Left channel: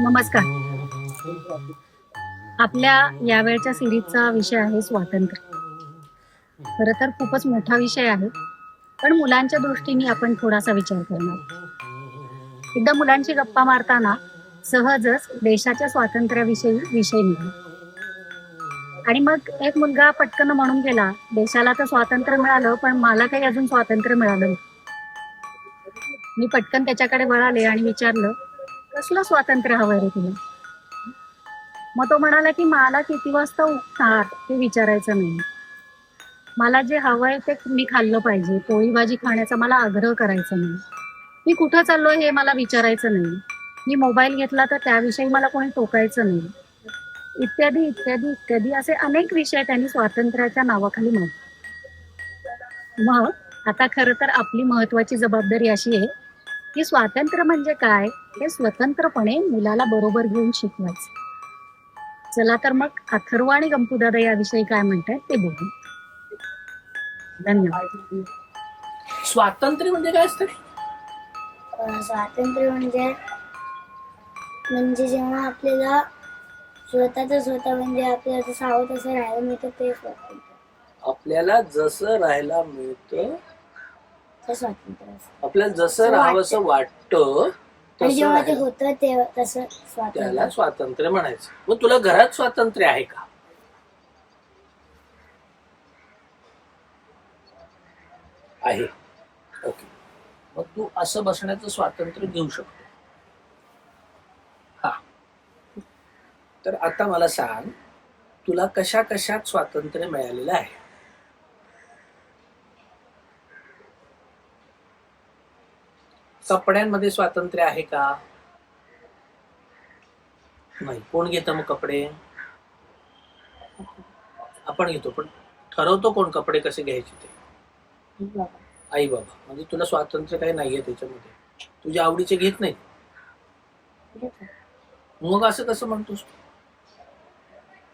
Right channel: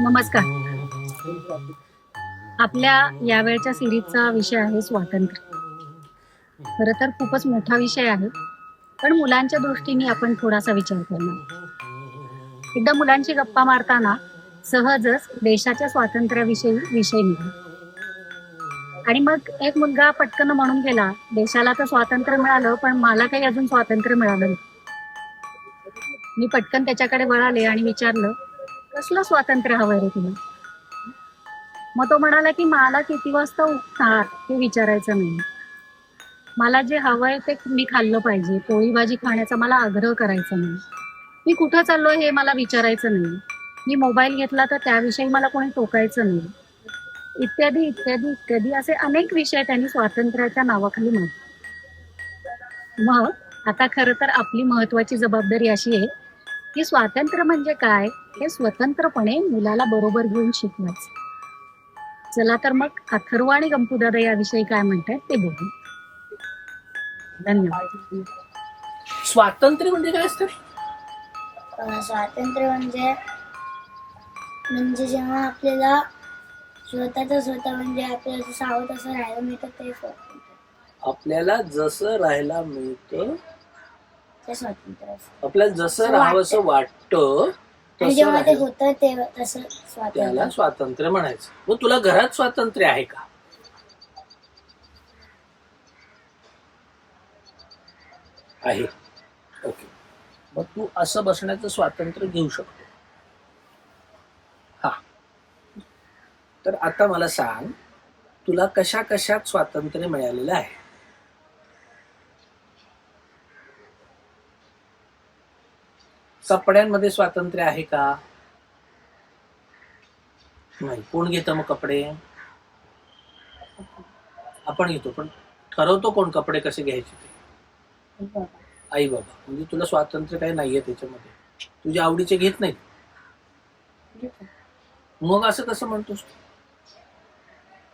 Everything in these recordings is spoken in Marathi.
नमस्कार. आपल्या यावेळच्या सिरीजचा विषय आहे स्वातंत्र्य. खरं तर खूपच मोठा विषय आहे, पण मुलांच्या दृष्टीने आपण थोडासा विचार करणार. एकदा मुलांची गप्पा मारताना सहजच देशाच्या स्वातंत्र्याविषयी विषय निघाला आणि मग एक मुलगा पटकन म्हणून गेला, देशाला तर स्वातंत्र्य मिळालं, पण मला काही अजून स्वातंत्र्य मिळालं नाही. मी पटकन त्याच्याकडे वळाले आणि विचारलं, कसलं स्वातंत्र्य हवंय रे तुला? मग तो म्हणाला की मला किती वाजता उठणार हे विचारायचं नाही. मला जे हवंय ते मी खाल्लं पाहिजे. पोळी भाजी खाण्याचा मला आग्रह करायचा नाही. मी कुठं चाललोय हे मला विचारायचं नाही. मी मोबाईल घेतला तर त्याविषयी मला कोणी टोकायचं नाही. इत्यादी इत्यादी इत्यादी असे अनेक विषय त्यांनी स्वातंत्र्याच्या नावाखाली मांडले. मग आता खरं तर आपली महत्वाची जबाबदारी अशी आहे की स्वातंत्र्य म्हणजे काय हे स्वतंत्रपणे मुलाला बरोबर घेऊन शिकवायचं. चला तर मग अथर्व आणि गंपूदादा याविषयी काय म्हणतात ते बघू. धन्यवाद. स्वातंत्र्य म्हणजे काय असतं? स्वातंत्र्य म्हणजे जेव्हा आपल्याला स्वतः म्हणजे आपल्याला जसं हवं तसं राहायला मिळतं ते स्वातंत्र्य. आपल्याला जसं राहायला मिळतं ते स्वातंत्र्य असतं. आपल्याला जसं राहावंसं वाटतं आणि जेव्हा ते तसं होतं तेव्हा तसं स्वातंत्र्य. त्याला स्वातंत्र्य म्हणायचं. मग तुला घरात स्वातंत्र्य आहे का? आहे. ओके. मग तू असं बसण्याचं स्वातंत्र्य घेऊ शकतो. हा. तर आता मला सांग, तुला कशा कशात स्वातंत्र्य मिळालेलं आहे? कपड्यांमध्ये स्वातंत्र्य आहे का? नाही. कोण घेतं मग कपडे? आपण घेतो, पण ठरवतो कोण कपडे कसे घ्यायचे ते? आई बाबा. म्हणजे तुला स्वातंत्र्य काही नाहीये त्याच्यामध्ये. तुझ्या आवडीचे घेत नाही. मग असं कसं म्हणतोस?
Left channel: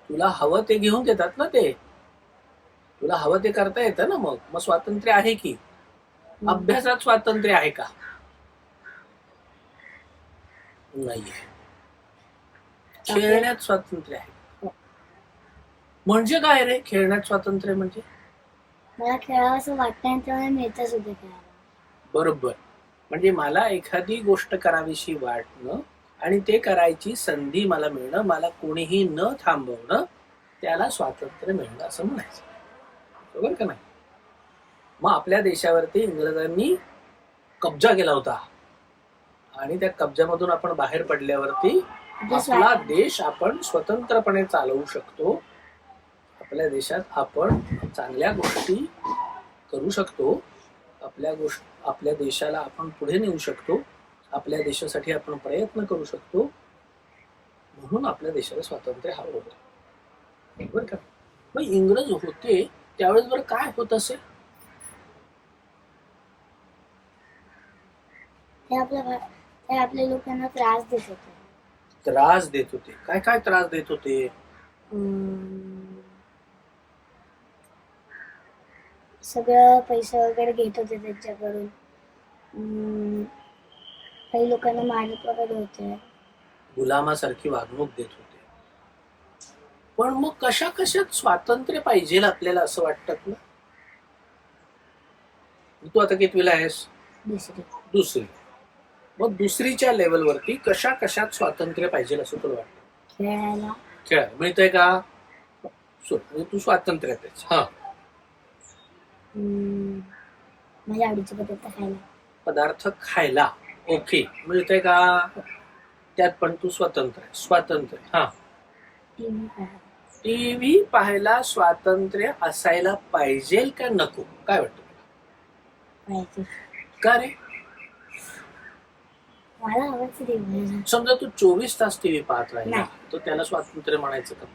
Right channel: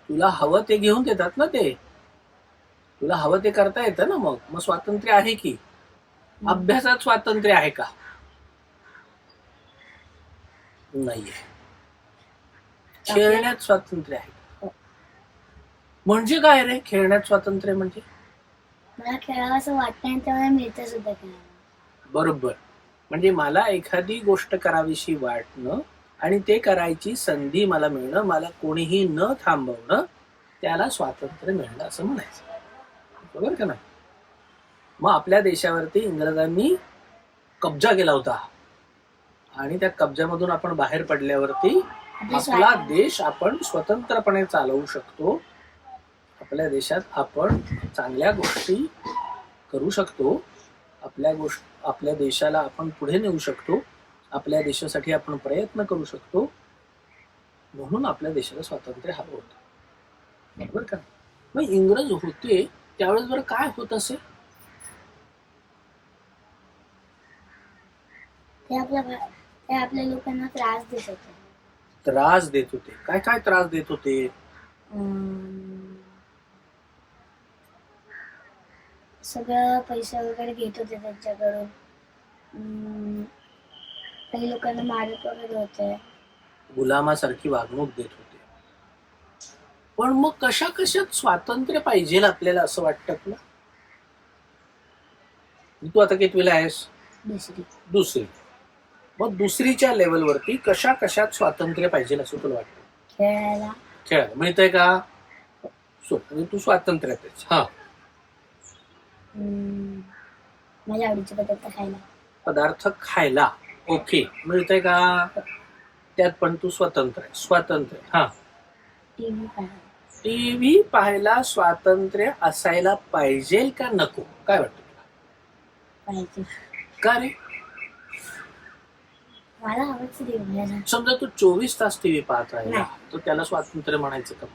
तुला हवं ते घेऊन देतात ना ते. तुला हवं ते करता येतं ना. मग स्वातंत्र्य आहे की. अभ्यासात स्वातंत्र्य आहे का? नाहीये. खेळण्यात स्वातंत्र्य आहे का? म्हणजे काय रे खेळण्यात स्वातंत्र्य म्हणजे? मला खेळावं असं वाटतं आणि ते मला मिळतं सुद्धा खेळायला. बरोबर. म्हणजे मला एखादी गोष्ट करावीशी वाटणं आणि ते करायची संधी मला मिळणं, मला कोणीही न थांबवणं, त्याला स्वातंत्र्य मिळणं असं म्हणायचं. बरोबर का नाही? मग आपल्या देशावरती इंग्रजांनी कब्जा केला होता आणि त्या कब्जामधून आपण बाहेर पडल्यावरती आपला देश आपण स्वतंत्रपणे चालवू शकतो. आपल्या देशात आपण चांगल्या गोष्टी करू शकतो. आपल्या देशाला आपण पुढे नेऊ शकतो. आपल्या देशासाठी आपण प्रयत्न करू शकतो. म्हणून आपल्या देशाला स्वातंत्र्य हवं होतं. बरोबर का? मग इंग्रज होते त्यावेळेस बरं काय होत असेल? ते आपल्या लोकांना त्रास देत होते. त्रास देत होते. काय काय त्रास देत होते? सगळं पैसा वगैरे घेत होते त्यांच्याकडून. काही लोकांना मारत वगैरे होते. गुलामासारखी वागणूक देत होते. पण मग कशा कशात स्वातंत्र्य पाहिजे आपल्याला असं वाटतं तुला? तू आता कितवीला आहेस? दुसरी. मग दुसरीच्या लेवलवरती कशा कशात स्वातंत्र्य पाहिजे असं तुला वाटतं? खेळायला मिळतंय का? म्हणजे तू स्वातंत्र्यात आहेस. हा. माझ्या आवडीचे पदार्थ खायला ओके मिळतंय का? त्यात पण तू स्वतंत्र आहे. स्वातंत्र्य. हा. टीव्ही पाहायला स्वातंत्र्य असायला पाहिजे का नको? काय वाटतं तुला? का रे? समजा तू 24 तास टीव्ही पाहत राहिला तर त्याला स्वातंत्र्य म्हणायचं का?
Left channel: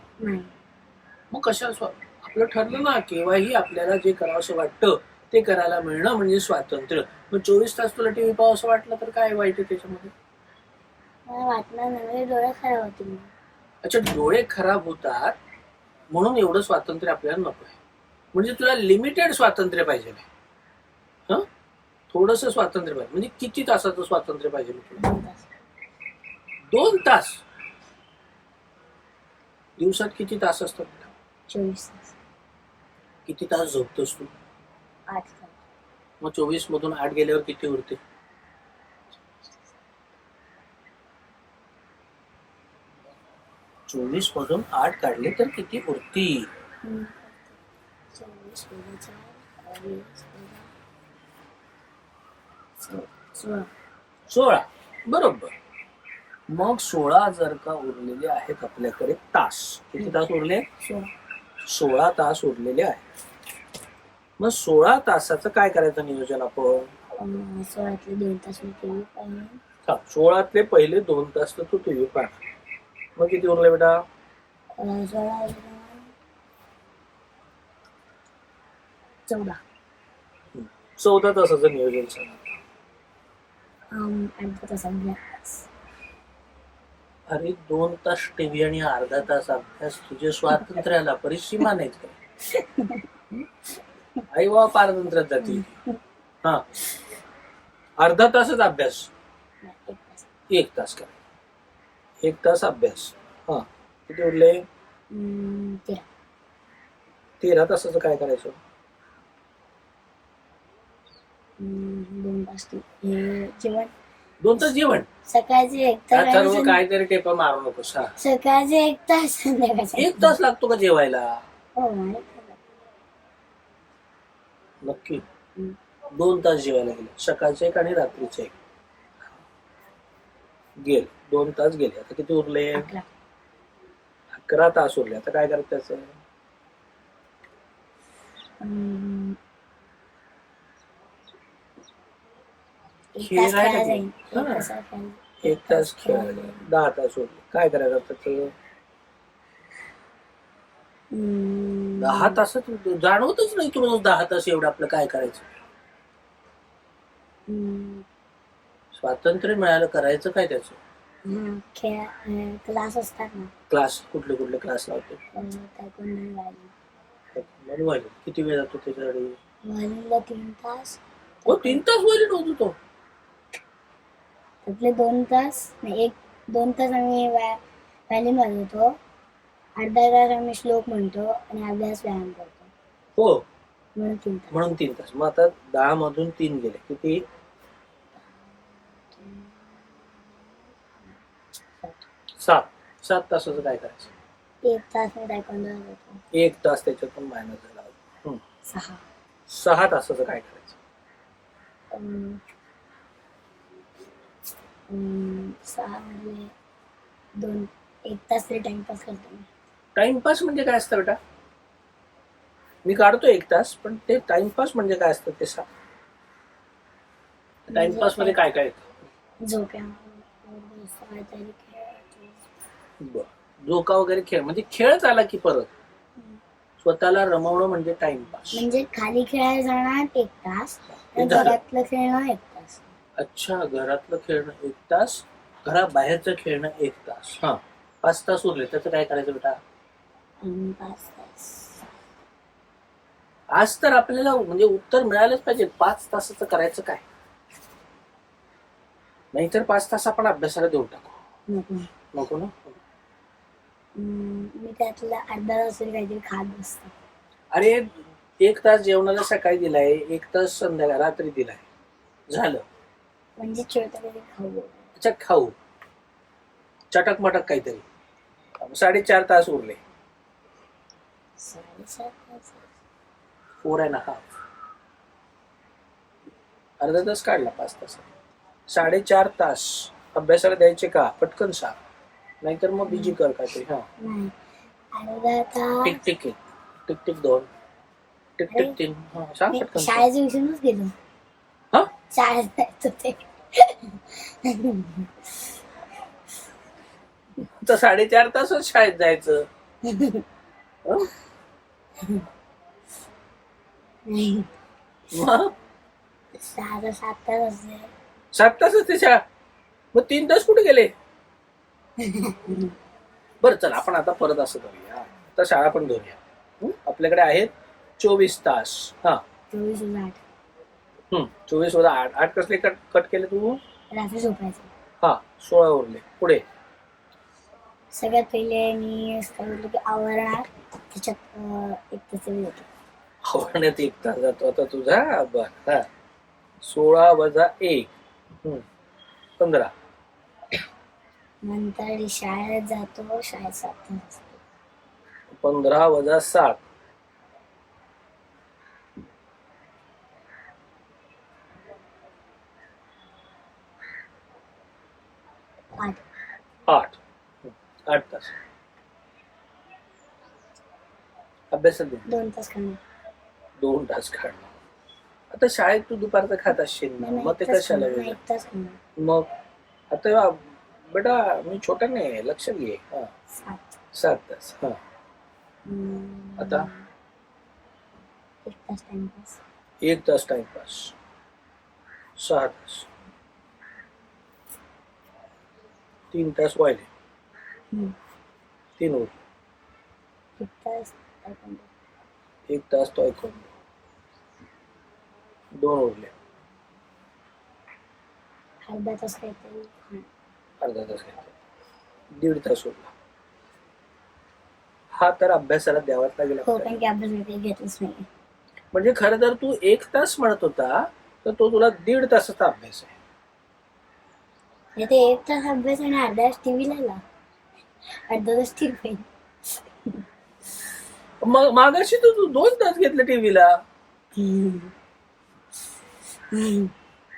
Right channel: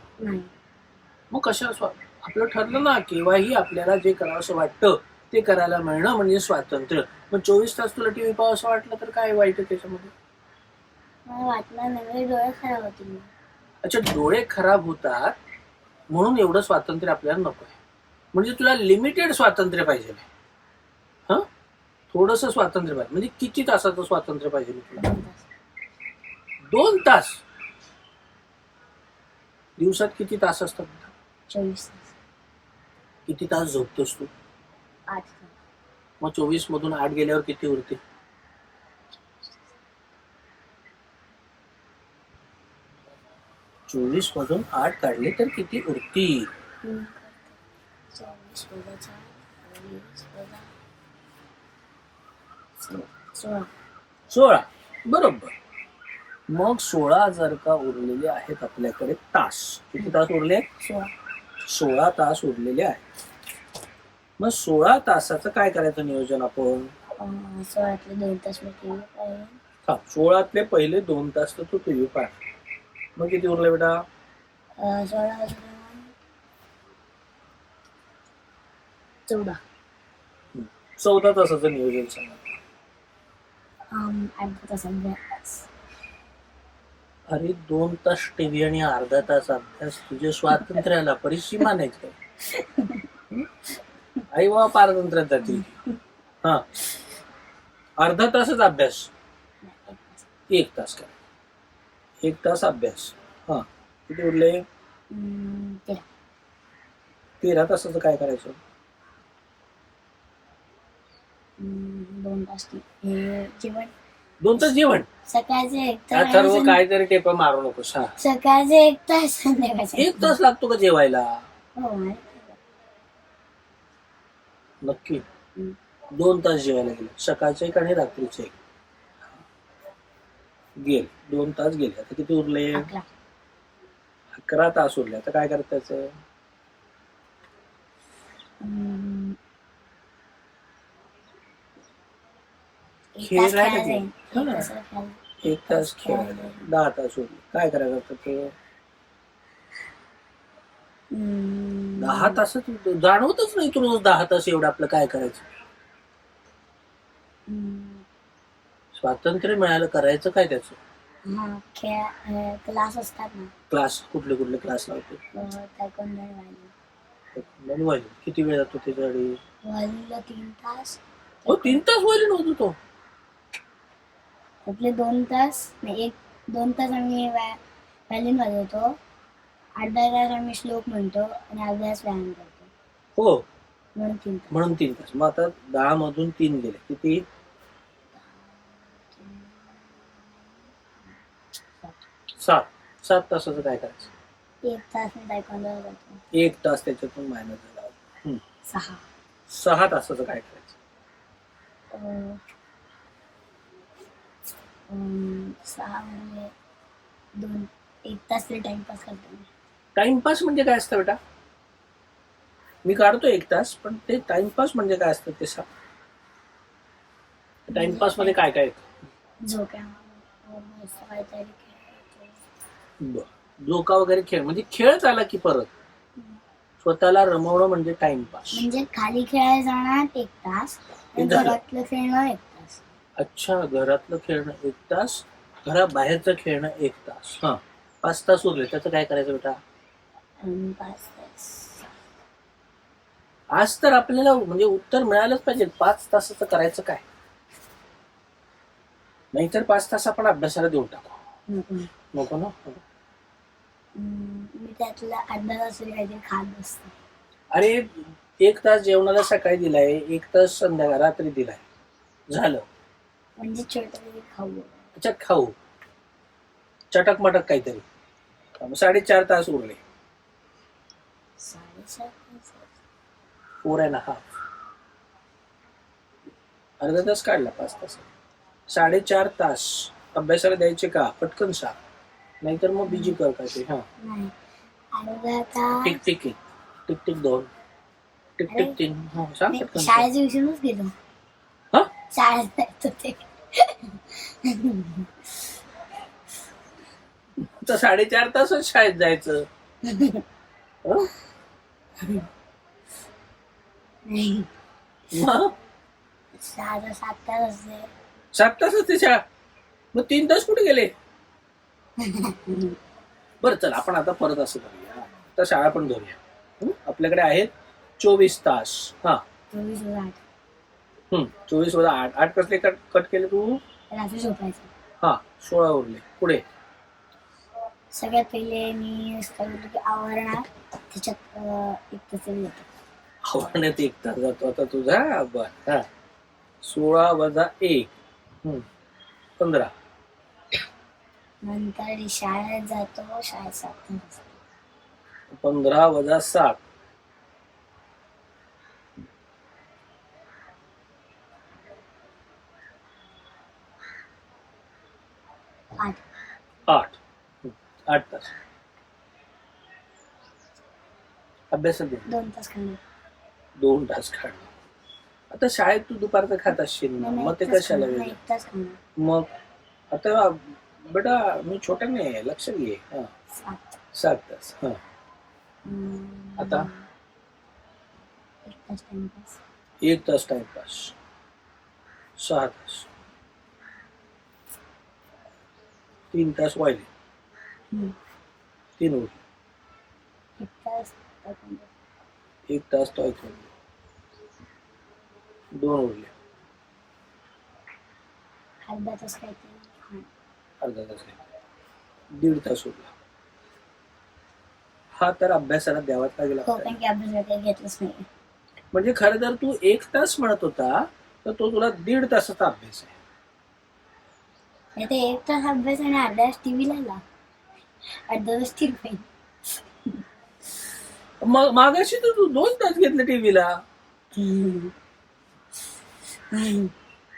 मग कशा आपलं ठरलं ना, केव्हाही आपल्याला जे करावंसं वाटतं ते करायला मिळणं म्हणजे स्वातंत्र्य. मग 24 तास तुला टीव्ही पाहावं असं वाटलं तर काय वाईट आहे त्याच्यामध्ये? वाटणार नाही, डोळे खराब होतील. अच्छा, डोळे खराब होतात म्हणून एवढं स्वातंत्र्य आपल्याला नको आहे. म्हणजे तुला लिमिटेड स्वातंत्र्य पाहिजे. थोडस स्वातंत्र्य पाहिजे. म्हणजे किती तासाचं स्वातंत्र्य पाहिजे तुला? 2 तास. 2 तास. दिवसात किती तास असतात? 24 तास. किती तास झोपतोस तू? 8 तास. मग 24 मधून 8 गेल्यावर किती उरते? 24 मधून 8 काढले तर किती उरतील? 24 वजा 4, 20 वजा 16. 16. बरोबर. मग 16 जर का उरलेले आहेत आपल्याकडे तास, किती तास उरले? 16. 16 तास उरलेले आहेत. मग 16 तासाचं काय करायचं नियोजन आपण? 16तले 2 तास मी टीव्ही पाहिजे. 16तले पहिले 2 तास तर तू टीव्ही पाह. मग किती उरले बेटा? 16 14. 14 तासाचं नियोजन सांग. अर्धा तास अभ्यास. अरे 2 तास टीव्ही आणि अर्धा तास अभ्यास. तुझ्या स्वातंत्र्याला परिसीमा नाहीत काय? आई वा पारतंत्र्यात जातील. हा, अर्धा तासच अभ्यास. 1 तास. 1 तास करा. 1 तास अभ्यास. हा, किती उरले? 13. 13 तासाचं काय करायचं? 2 तास हे जेवण. 2 तास जेवण. सकाळचे 1 तास सर्व काहीतरी टेपा मारू नकोस. हा, सकाळचे 1 तास संध्याकाळचे 1 तास लागतो का जेवायला? हो माहिती आहे. नक्की. 2 तास जेवायला गेले. सकाळचे 1 आणि रात्रीचे 1 गेले. 2 तास गेले. आता किती उरले? 11. 11 तास उरले. आता काय करत त्याचं? खेळायला गेले. हा. 1 तास खेळायला. 10 तास उरले. काय करायचं आता त्याचं? 10 तासात जाणवतच नाही तुला 10 तास एवढं आपलं काय करायचं. स्वातंत्र्य मिळालं, करायचं काय त्याचं? क्लास असतात ना. क्लास कुठले कुठले क्लास लावते? तायक्वांडो किती वेळ जातो त्याच्यासाठी? व्हायलिनला 3 तास. हो, 3 तास व्हायलिन होतो तो. त्यातले 2 तास नाही, 2 तास आम्ही व्हायलिन वाजवतो. अर्धा तास आम्ही श्लोक म्हणतो आणि अर्धा तास व्यायाम करतो. हो, म्हणून 3 तास. म्हणून 3 तास. मग आता 10 मधून 3 गेले. किती? 7 तासाचं काय करायचं? 1 तास मी तायक्वांडोला जातो. 1 तास त्याच्यातून मायनस झाला. 6. 6 तासाचं काय करायचं? 6 म्हणजे 1 तास तरी टाइमपास करतो मी. टाइमपास म्हणजे काय असतं बेटा? मी काढतो 1 तास, पण ते टाइमपास म्हणजे काय असतं ते सांग. टाइमपास मध्ये काय काय येतं? झोक्यावर काहीतरी खेळ. झोका वगैरे खेळ म्हणजे खेळच आला की परत स्वतःला रमवणं म्हणजे टाइमपास. म्हणजे खाली खेळायला जाणार 1 तास आणि घरातलं खेळणं 1 तास. अच्छा, घरातलं खेळणं 1 तास, घराबाहेरचं खेळणं 1 तास. हा, 5 तास उरले. त्याचं काय करायचं बेटा? 5 तास. आज तर आपल्याला म्हणजे उत्तर मिळालंच पाहिजे. 5 तासाचं करायचं काय? नाहीतर 5 तास आपण अभ्यासाला देऊन टाकू. नको ना. मी त्यातला अर्धा तास तरी काहीतरी खात बसतो. अरे 1 तास जेवणाला सकाळी दिलाय, 1 तास संध्याकाळ रात्री दिलाय, झालं. म्हणजे छोटं तरी खाऊ. अच्छा, खाऊ चटक मटक काहीतरी. 4.5 तास उरले. 7.5 तास. 4.5. अर्धा तास काढला 5 तास. 4.5 तास अभ्यासाला द्यायचे का? पटकन सांग, नाहीतर मग बीजी कर काय ते. हा, नाही, अर्धा तास. Tick tick 1, tick tick 2, tick tick 3. हा, सांग मी पटकन. शाळेच्या विषयीच गेलो. हा, शाळेत जायचो ते. तर 4.5 तासच शाळेत जायचं. हं? नाही, मग 7 तास असते. 7 तास असते शाळा. मग 3 तास कुठे गेले? बरं, चल आपण आता परत असं करूया. आता शाळा पण धरूया. आपल्याकडे आहेत 24 तास. हा, 24 8. 24 वजा 8. 8 कसले कट कट केले तू? रात्री झोपायचं. हा, 16 उरले. पुढे सगळ्यात पहिले मी काय बोलतो की आवरणार, त्याच्यात एक तास येतो. आवरण्यात 1 तास जातो आता तुझा. बर, हा. 16 वजा 1 15. नंतर शाळेत जातो, शाळेत 7 तास. 15 वजा 7 8. 8. 8 तास. अभ्यासात 2 तास खाणार. 2 तास काढणार. आता शाळेत तू दुपारचं खात असशील ना, मग ते कशाला वेळ? 1 तास खाणार. मग आता बेटा मी छोटा नाही, लक्ष घे. 7 तास. हा. आता 1 तास टाइमपास. 1 तास टाइमपास. 6 तास. 3 तास वाहिले. 3 उरले. 1 तास taekwondo. 1 तास तो ऐकून 2 उरले. अर्धा तास काहीतरी खाणार. अर्धा तास घेतला. 1.5 तास उरला. हा तर अभ्यासाला द्यावाच लागेल हो, आपल्याला. कारण की अभ्यास वगैरे घेतलंच नाही. म्हणजे खरं तर तू 1 तास म्हणत होता, तर तो तुला 1.5 तासाचा अभ्यास आहे. म्हणजे ते 1 तास अभ्यास आणि अर्धा तास टीव्ही लावला. अर्धा तास टीव्ही. मग मागाशी तर तू 2 तास घेतले टीव्हीला.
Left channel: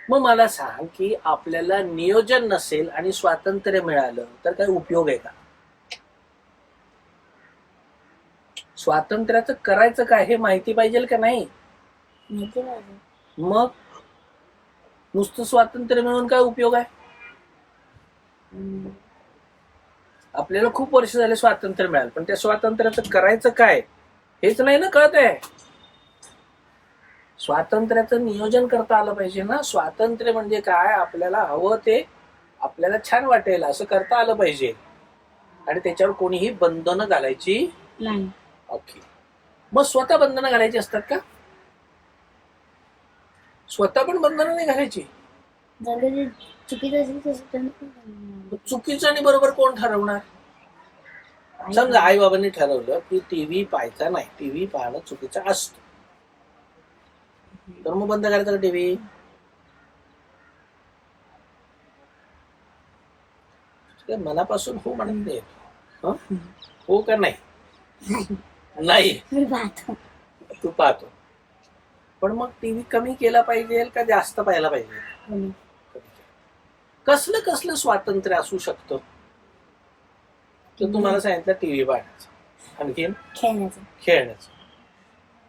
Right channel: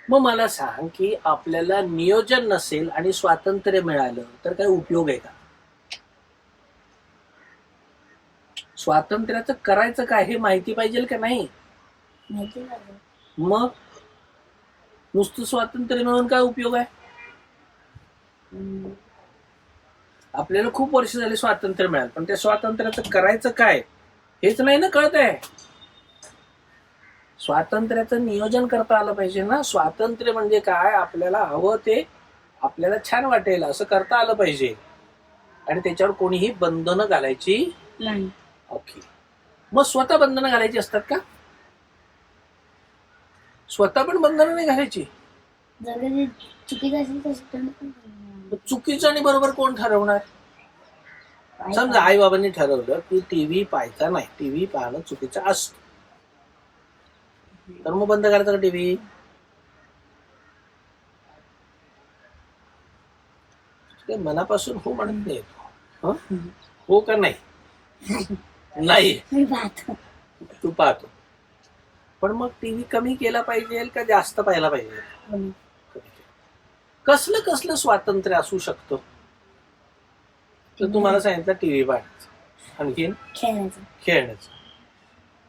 मग मला सांग की आपल्याला नियोजन नसेल आणि स्वातंत्र्य मिळालं तर काय उपयोग आहे का? स्वातंत्र्याचं करायचं काय हे माहिती पाहिजे का नाही? माहिती पाहिजे. मग नुसतं स्वातंत्र्य मिळून काय उपयोग आहे? आपल्याला खूप वर्ष झाले स्वातंत्र्य मिळालं, पण त्या स्वातंत्र्याचं करायचं काय हेच नाही ना कळत आहे. स्वातंत्र्याचं नियोजन करता आलं पाहिजे ना. स्वातंत्र्य म्हणजे काय? आपल्याला हवं ते आपल्याला छान वाटेल असं करता आलं पाहिजे, आणि त्याच्यावर कोणीही बंधनं घालायची. नाही. ओके. मग स्वतः बंधनं घालायची असतात का? स्वतः पण बंधनं नाही घालायची. जर ते चुकीचं असेल तर पण मग चुकीचं आणि बरोबर कोण ठरवणार? समजा आई बाबांनी ठरवलं की टीव्ही पाहायचा नाही, टीव्ही पाहणं चुकीचं असतं, तर मग बंद करायचा का टीव्ही? मनापासून हो म्हणत नाही तू. हो का नाही? नाही. मी पाहतो. तू पाहतो, पण मग टीव्ही कमी केला पाहिजे का जास्त पाहायला पाहिजे? कमी. कसलं कसलं स्वातंत्र्य असू शकतं? तर तुम्हाला सांगितलं टीव्ही पाहण्याचं, आणखीन खेळण्याचं, खेळण्याचं,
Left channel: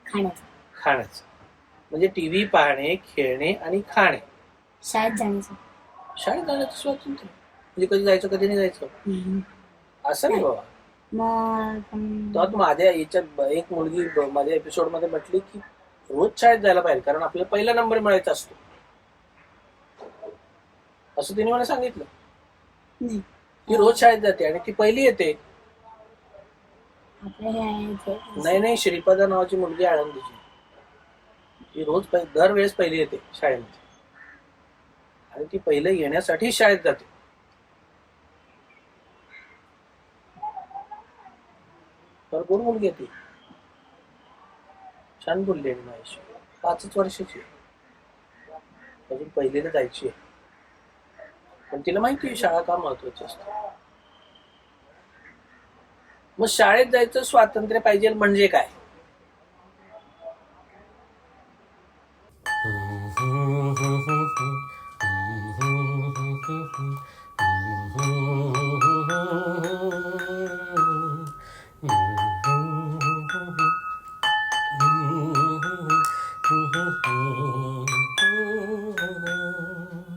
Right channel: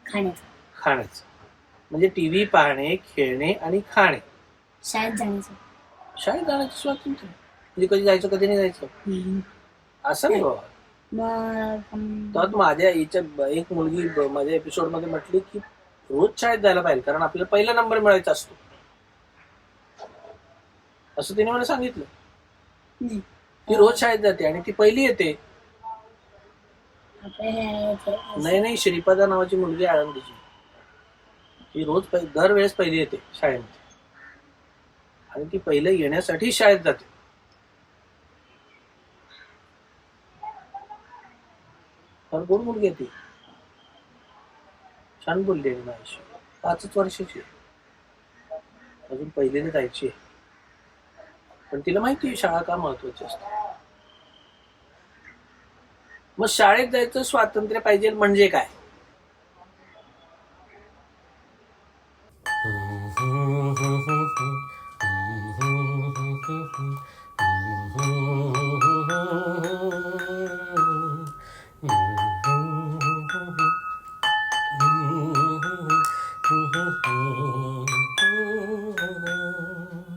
खाण्याचं, खाण्याचं. म्हणजे टीव्ही पाहणे, खेळणे आणि खाणे. शाळेत जाण्याचं. शाळेत जाण्याचं स्वातंत्र्य म्हणजे कधी जायचं कधी नाही जायचं असं नाही बाबा. मग तर माझ्या याच्यात एक मुलगी माझ्या एपिसोड मध्ये म्हटली की रोज शाळेत जायला पाहिजे, कारण आपल्याला पहिला नंबर मिळायचा असतो, असं तिने मला सांगितलं. ती रोज शाळेत जाते आणि ती पहिली येते. नाही नाही, श्रीपदा नावाची मुलगी आळंदीची, ती रोज दरवेळेस पहिली येते शाळेमध्ये, आणि ती पहिलं येण्यासाठी शाळेत जाते. फार गोड मुलगी आहे ती, छान बोलली आणि माझ्याशी. 5च वर्षाची, अजून पहिलीला जायची आहे, पण तिला माहिती आहे शाळा का महत्वाची असते. मग शाळेत जायचं स्वातंत्र्य पाहिजे म्हणजे काय?